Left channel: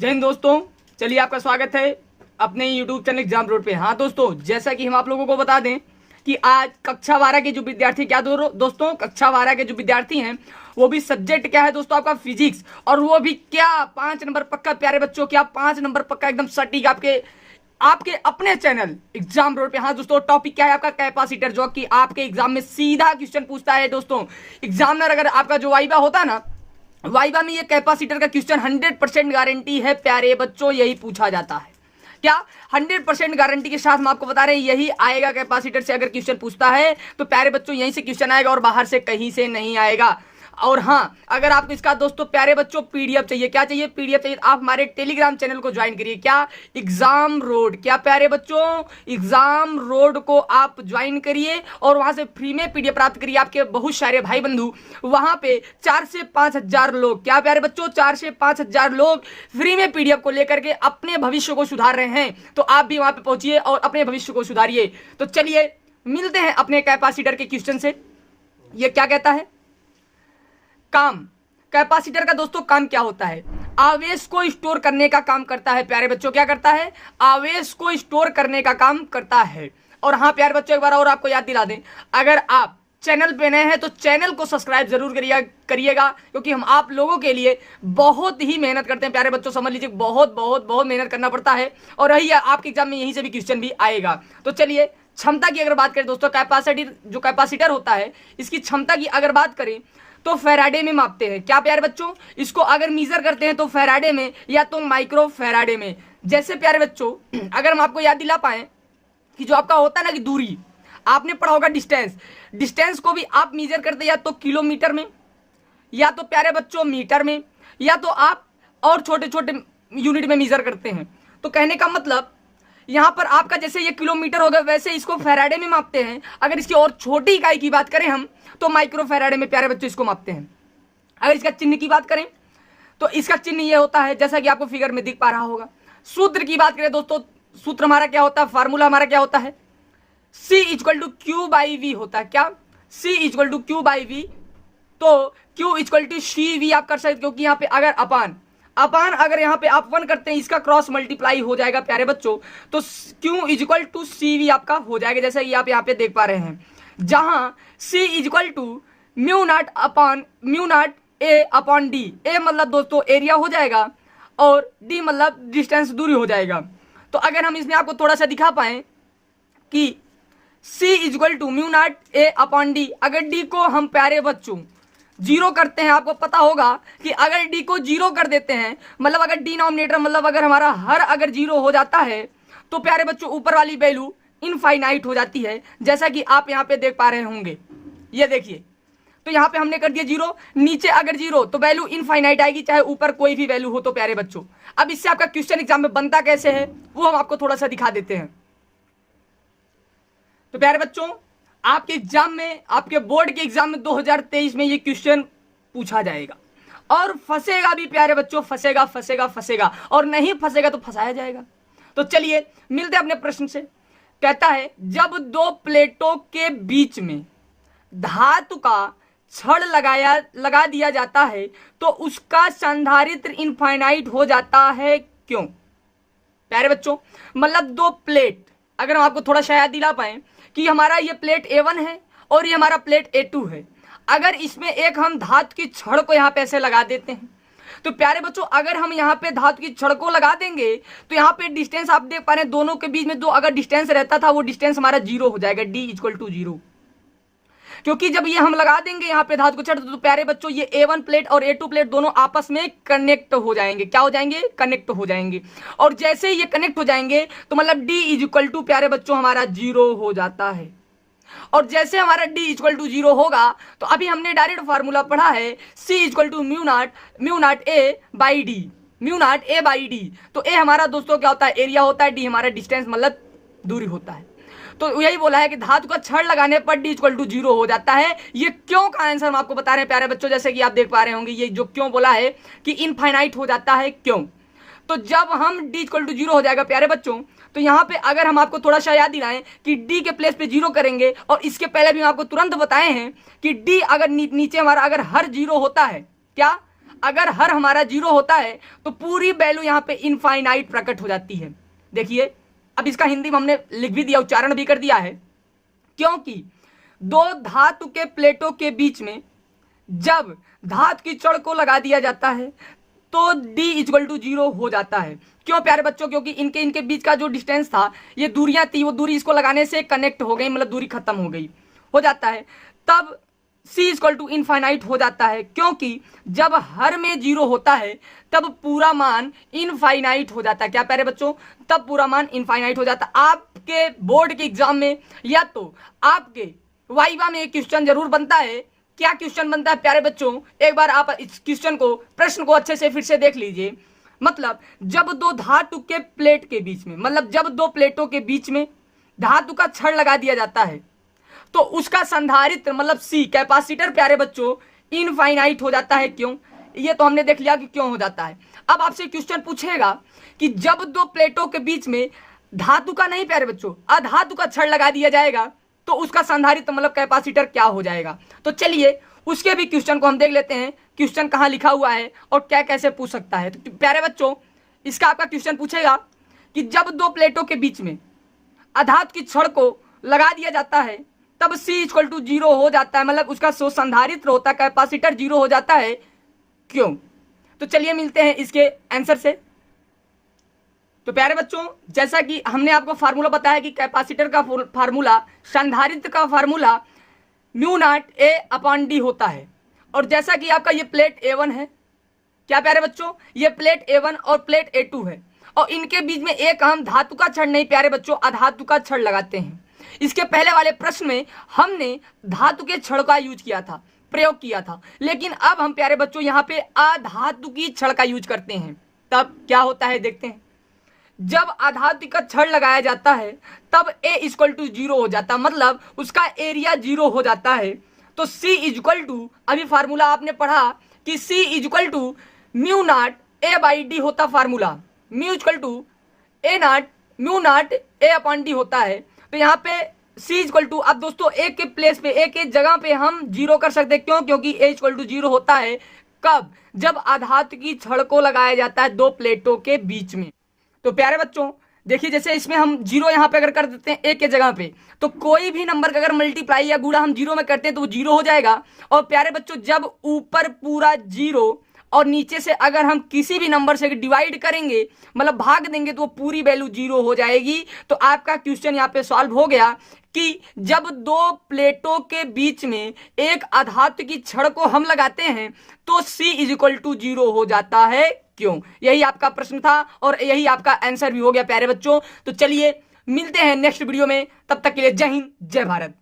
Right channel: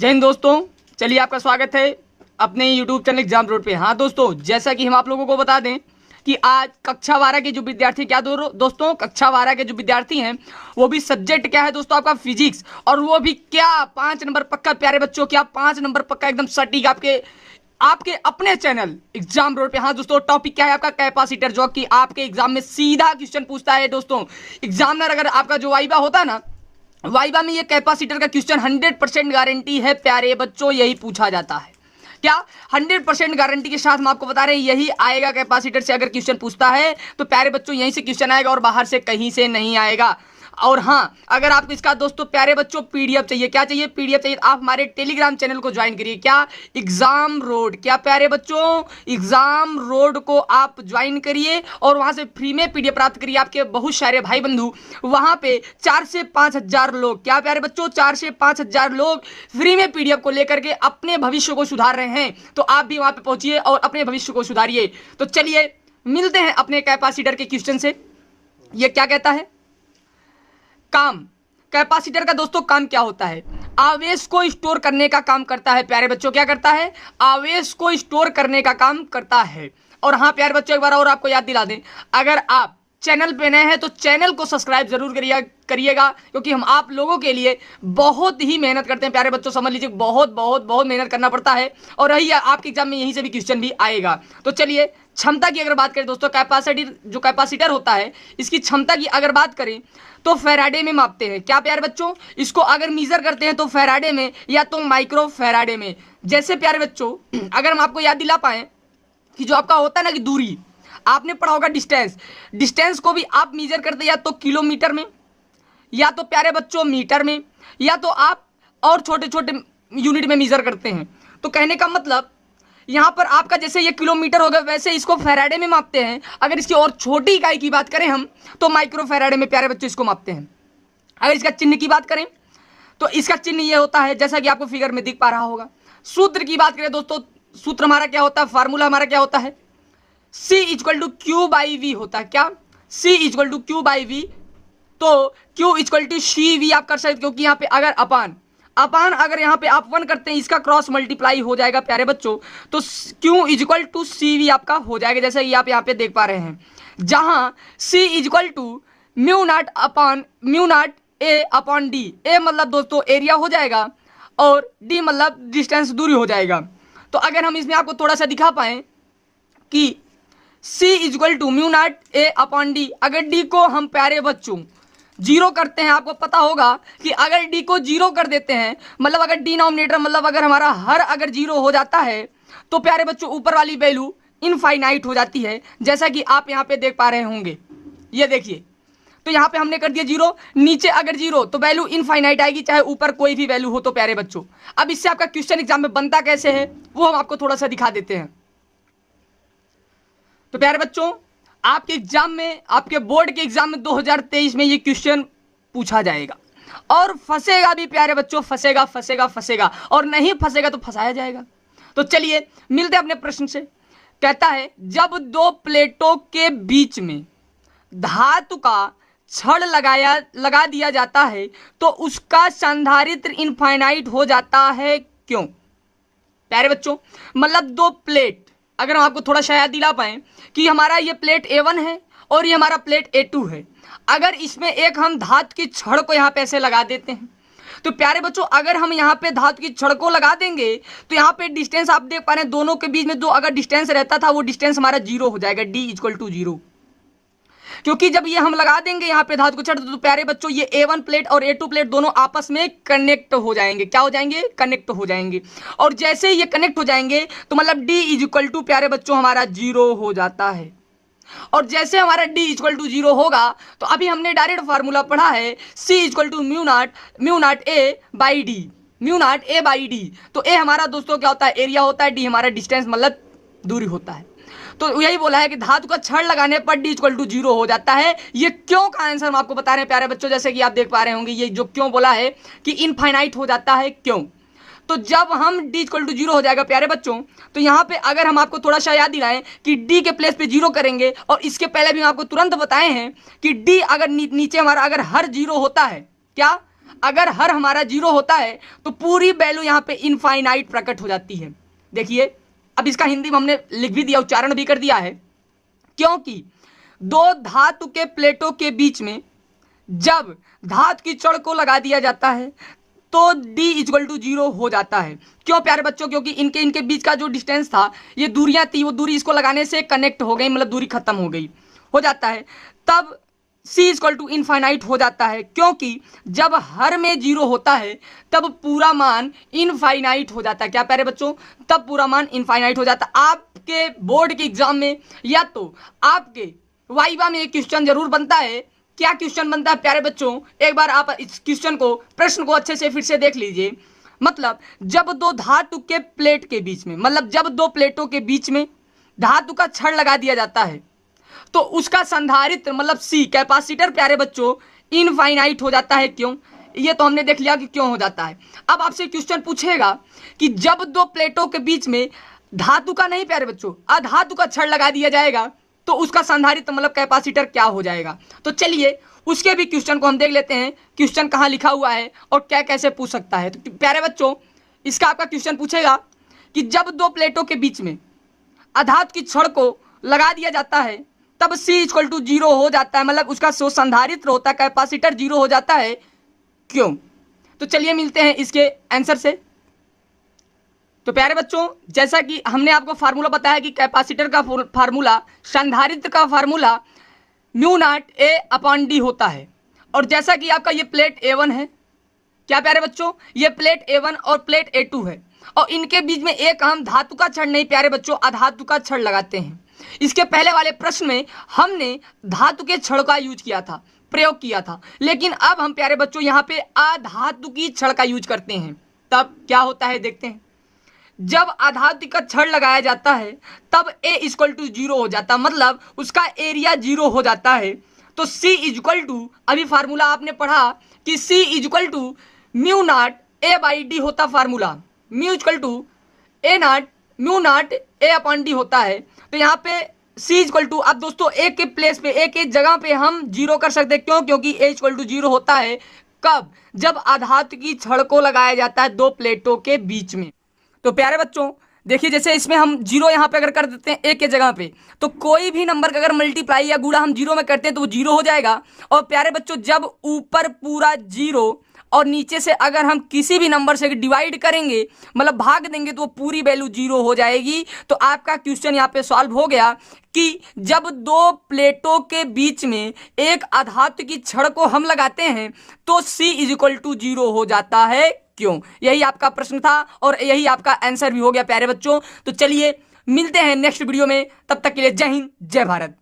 जय हिंद दोस्तों, चलिए आपका स्वागत है अपने यूट्यूब चैनल एग्जाम रोड पे। हाँ दोस्तों, जैसा कि हम आप लोगों को बता दें कि आज कक्षा 12 के जो विद्यार्थी दोस्तों कक्षा 12 के जो विद्यार्थी हैं वो भी सब्जेक्ट क्या है दोस्तों आपका फिजिक्स, और वो भी क्या 5 नंबर पक्का। प्यारे बच्चों, क्या 5 नंबर पक्का एकदम सटीक आपके अपने चैनल एग्जाम रोड पे। हाँ दोस्तों, टॉपिक क्या है आपका कैपेसिटर, जो कि आपके एग्जाम में सीधा क्वेश्चन पूछता है। दोस्तों एग्जामिनर अगर आपका जो वाइवा होता ना, वाइवा में ये कैपेसिटर का क्वेश्चन 100% गारंटी है प्यारे बच्चों, यही पूछा जाता है। क्या 100% गारंटी के साथ हम आपको बता रहे हैं यही आएगा। कैपेसिटर से अगर क्वेश्चन पूछता है तो प्यारे बच्चों यहीं से क्वेश्चन आएगा और बाहर से कहीं से नहीं आएगा। और हाँ, अगर आपको इसका दोस्तों प्यारे बच्चों पीडीएफ चाहिए, क्या चाहिए? पीडीएफ चाहिए, आप हमारे टेलीग्राम चैनल को ज्वाइन करिए। क्या? Exam road. क्या प्यारे बच्चों? एग्जाम रोड को आप ज्वाइन करिए और वहां से फ्री में पीडीएफ प्राप्त करिए। आपके बहुत सारे भाई बंधु वहां पे 4 से 5 हजार लोग, क्या प्यारे बच्चों, 4 से 5 हजार लोग फ्री में पीडीएफ को लेकर के अपने भविष्य को सुधार रहे हैं। तो आप भी वहां पे पहुंचिए और अपने भविष्य को सुधारिए। तो चलिए मिलते हैं अपने कैपेसिटर के क्वेश्चन से। ये क्या कहता है? काम। कैपेसिटर का दोस्तों काम क्या होता है? आवेश को स्टोर करने का काम करता है। प्यारे बच्चों क्या करता है? आवेश को स्टोर करने का काम करता है। और हाँ प्यारे बच्चों, एक बार और आपको याद दिला दें, अगर आप चैनल पे नए हैं तो चैनल को सब्सक्राइब जरूर करिएगा, क्योंकि हम आप लोगों के लिए बहुत ही मेहनत करते हैं। प्यारे बच्चों समझ लीजिए, बहुत बहुत बहुत मेहनत करना पड़ता है। और रही आपके एग्जाम में यहीं से भी क्वेश्चन भी आएगा। तो चलिए क्षमता की अगर बात करें दोस्तों, कैपेसिटर होता है, इसकी क्षमता की अगर बात करें तो फैराडे में मापते हैं। क्या प्यारे बच्चों? इसको अगर मीजर करते हैं तो फैराडे में या तो माइक्रो फैराडे में। जैसे प्यारे बच्चों अगर हम आपको याद दिला पाए कि जो आपका होता है ना कि दूरी, आपने पढ़ा होगा डिस्टेंस को भी आप मीजर करते या तो किलोमीटर में, या तो प्यारे बच्चों मीटर में, या तो आप और छोटे छोटे यूनिट में मीजर करते हैं। तो कहने का मतलब यहां पर आपका जैसे ये किलोमीटर होगा, वैसे इसको फैराडे में मापते हैं। अगर इसकी और छोटी इकाई की बात करें हम तो माइक्रो फैराडे में प्यारे बच्चों इसको मापते हैं। अगर इसका चिन्ह की बात करें तो इसका चिन्ह ये होता है, जैसा कि आपको फिगर में दिख पा रहा होगा। सूत्र की बात करें दोस्तों, सूत्र हमारा क्या होता है, फार्मूला हमारा क्या होता है? C = Q/V होता है। क्या? C = Q/V। तो Q = CV आप कर सकते, क्योंकि यहाँ पे अगर अपान अगर यहाँ पे आप 1 करते हैं, इसका क्रॉस मल्टीप्लाई हो जाएगा प्यारे बच्चों, तो Q = CV आपका हो जाएगा, जैसा कि आप यहाँ पे देख पा रहे हैं। जहां C = μ0 A/D। A मतलब दोस्तों एरिया हो जाएगा और D मतलब डिस्टेंस, दूरी हो जाएगा। तो अगर हम इसमें आपको थोड़ा सा दिखा पाए कि C = μ0 A/D, अगर D को हम प्यारे बच्चों 0 करते हैं, आपको पता होगा कि अगर D को 0 कर देते हैं, मतलब अगर डिनोमिनेटर मतलब अगर हमारा हर अगर 0 हो जाता है तो प्यारे बच्चों ऊपर वाली वैल्यू इनफाइनाइट हो जाती है, जैसा कि आप यहाँ पे देख पा रहे होंगे। ये देखिए, तो यहाँ पे हमने कर दिया 0, नीचे अगर 0 तो वैल्यू इनफाइनाइट आएगी, चाहे ऊपर कोई भी वैल्यू हो। तो प्यारे बच्चों अब इससे आपका क्वेश्चन एग्जाम में बनता कैसे है वो हम आपको थोड़ा सा दिखा देते हैं। तो प्यारे बच्चों आपके एग्जाम में, आपके बोर्ड के एग्जाम में 2023 में ये क्वेश्चन पूछा जाएगा और फंसेगा भी प्यारे बच्चों, फंसेगा और नहीं फंसेगा तो फंसाया जाएगा। तो चलिए मिलते हैं अपने प्रश्न से। कहता है जब 2 प्लेटों के बीच में धातु का छड़ लगा दिया जाता है तो उसका संधारित्र इनफाइनाइट हो जाता है, क्यों? प्यारे बच्चों मतलब 2 प्लेट, अगर हम आपको थोड़ा सा याद दिला पाए कि हमारा ये प्लेट A1 है और ये हमारा प्लेट A2 है। अगर इसमें एक हम धातु की छड़ को यहाँ पे ऐसे लगा देते हैं तो प्यारे बच्चों अगर हम यहाँ पे धातु की छड़ को लगा देंगे तो यहाँ पे डिस्टेंस आप देख पा रहे हैं, दोनों के बीच में जो अगर डिस्टेंस रहता था वो डिस्टेंस हमारा 0 हो जाएगा, D = 0। क्योंकि जब ये हम लगा देंगे यहाँ पे धातु को छड़, तो प्यारे बच्चों ये A1 प्लेट और A2 प्लेट दोनों आपस में कनेक्ट हो जाएंगे। क्या हो जाएंगे? कनेक्ट हो जाएंगे। और जैसे ही ये कनेक्ट हो जाएंगे तो मतलब D = प्यारे बच्चों हमारा 0 हो जाता है। और जैसे हमारा D = 0 होगा तो अभी हमने डायरेक्ट फार्मूला पढ़ा है, C = μ0 A/D। तो A हमारा दोस्तों क्या होता है? एरिया होता है, D हमारा डिस्टेंस मतलब दूरी होता है। तो यही बोला है कि धातु का छड़ लगाने पर D = 0 हो जाता है। ये क्यों का आंसर हम आपको बता रहे हैं प्यारे बच्चों, जैसे कि आप देख पा रहे होंगे ये जो क्यों बोला है कि इनफाइनाइट हो जाता है, क्यों? तो जब हम D = 0 हो जाएगा प्यारे बच्चों, तो यहाँ पे अगर हम आपको थोड़ा सा याद दिलाएं कि D के प्लेस पे 0 करेंगे, और इसके पहले भी हम आपको तुरंत बताए हैं कि D अगर नीचे हमारा अगर हर 0 होता है, क्या अगर हर हमारा 0 होता है तो पूरी वैल्यू यहाँ पे इनफाइनाइट प्रकट हो जाती है। देखिए अब इसका हिंदी में हमने लिख भी दिया, उच्चारण भी कर दिया है। क्योंकि दो धातु के प्लेटों के बीच में जब धातु की छड़ को लगा दिया जाता है तो d इक्वल टू 0 हो जाता है। क्यों प्यारे बच्चों? क्योंकि इनके बीच का जो डिस्टेंस था, ये दूरियां थी, वो दूरी इसको लगाने से कनेक्ट हो गई, मतलब दूरी खत्म हो जाता है। तब c इक्वल टू इनफाइनाइट हो जाता है, क्योंकि जब हर में 0 होता है तब पूरा मान इनफाइनाइट हो जाता है। क्या प्यारे बच्चों? तब पूरा मान इनफाइनाइट हो जाता है। आपके बोर्ड के एग्जाम में या तो आपके वाइवा में एक क्वेश्चन जरूर बनता है। क्या क्वेश्चन बनता है प्यारे बच्चों? एक बार आप इस क्वेश्चन को, प्रश्न को अच्छे से फिर से देख लीजिए। मतलब जब दो धातु के प्लेट के बीच में, मतलब जब दो प्लेटों के बीच में धातु का छड़ लगा दिया जाता है तो उसका संधारित्र मतलब सी कैपेसिटर प्यारे बच्चों इनफाइनाइट हो जाता है। क्यों? ये तो हमने देख लिया कि क्यों हो जाता है। अब आपसे क्वेश्चन पूछेगा कि जब दो प्लेटों के बीच में धातु का नहीं प्यारे बच्चों, अधातु का छड़ लगा दिया जाएगा तो उसका संधारित्र मतलब कैपेसिटर क्या हो जाएगा। तो चलिए उसके भी क्वेश्चन को हम देख लेते हैं, क्वेश्चन कहाँ लिखा हुआ है और क्या कैसे पूछ सकता है। तो प्यारे बच्चों इसका आपका क्वेश्चन पूछेगा कि जब दो प्लेटों के बीच में अधातु की छड़ को लगा दिया जाता है तब C इक्वल टू 0 हो जाता है, मतलब उसका जो संधारित्र होता है कैपेसिटर 0 हो जाता है। क्यों? तो चलिए मिलते हैं इसके आंसर से। तो प्यारे बच्चों जैसा कि हमने आपको फार्मूला बताया कि कैपेसिटर का फार्मूला, संधारित्र का formula mu not A upon D होता है। और जैसा कि आपका ये प्लेट A1 है, क्या प्यारे बच्चों? ये प्लेट A1 और प्लेट A2 है और इनके बीच में एक हम धातु का छड़ नहीं प्यारे बच्चों, अधातु का छड़ लगाते हैं। इसके पहले वाले प्रश्न में हमने धातु के छड़ का यूज किया था, प्रयोग किया था, लेकिन अब हम प्यारे बच्चों यहाँ पे अधातु की छड़ का यूज करते हैं। तब क्या होता है देखते हैं। जब अधातु का छड़ लगाया जाता है तब A इक्वल टू 0 हो जाता है, मतलब उसका एरिया 0 हो जाता है। तो C इक्वल टू, अभी फार्मूला आपने पढ़ा कि C equal to mu not A by D होता formula, mu equal to A not mu not A upon D होता है। तो यहाँ पे C इक्वल टू, अब दोस्तों एक के प्लेस पे, एक एक जगह पे हम 0 कर सकते हैं। क्यों? क्योंकि A इक्वल टू 0 होता है कब? जब अधातु की छड़ को लगाया जाता है दो प्लेटों के बीच में। तो प्यारे बच्चों देखिए जैसे इसमें हम 0 यहाँ पे अगर कर देते हैं एक के जगह पे, तो कोई भी नंबर का अगर मल्टीप्लाई या गुणा हम 0 में करते हैं तो वो 0 हो जाएगा। और प्यारे बच्चों जब ऊपर पूरा 0 और नीचे से अगर हम किसी भी नंबर से डिवाइड करेंगे, मतलब भाग देंगे, तो वो पूरी वैल्यू 0 हो जाएगी। तो आपका क्वेश्चन यहाँ पे सॉल्व हो गया कि जब दो प्लेटों के बीच में एक अधातु की छड़ को हम लगाते हैं तो C इज इक्वल टू 0 हो जाता है। क्यों? यही आपका प्रश्न था और यही आपका आंसर भी हो गया प्यारे बच्चों। तो चलिए मिलते हैं नेक्स्ट वीडियो में, तब तक के लिए जय हिंद जय भारत।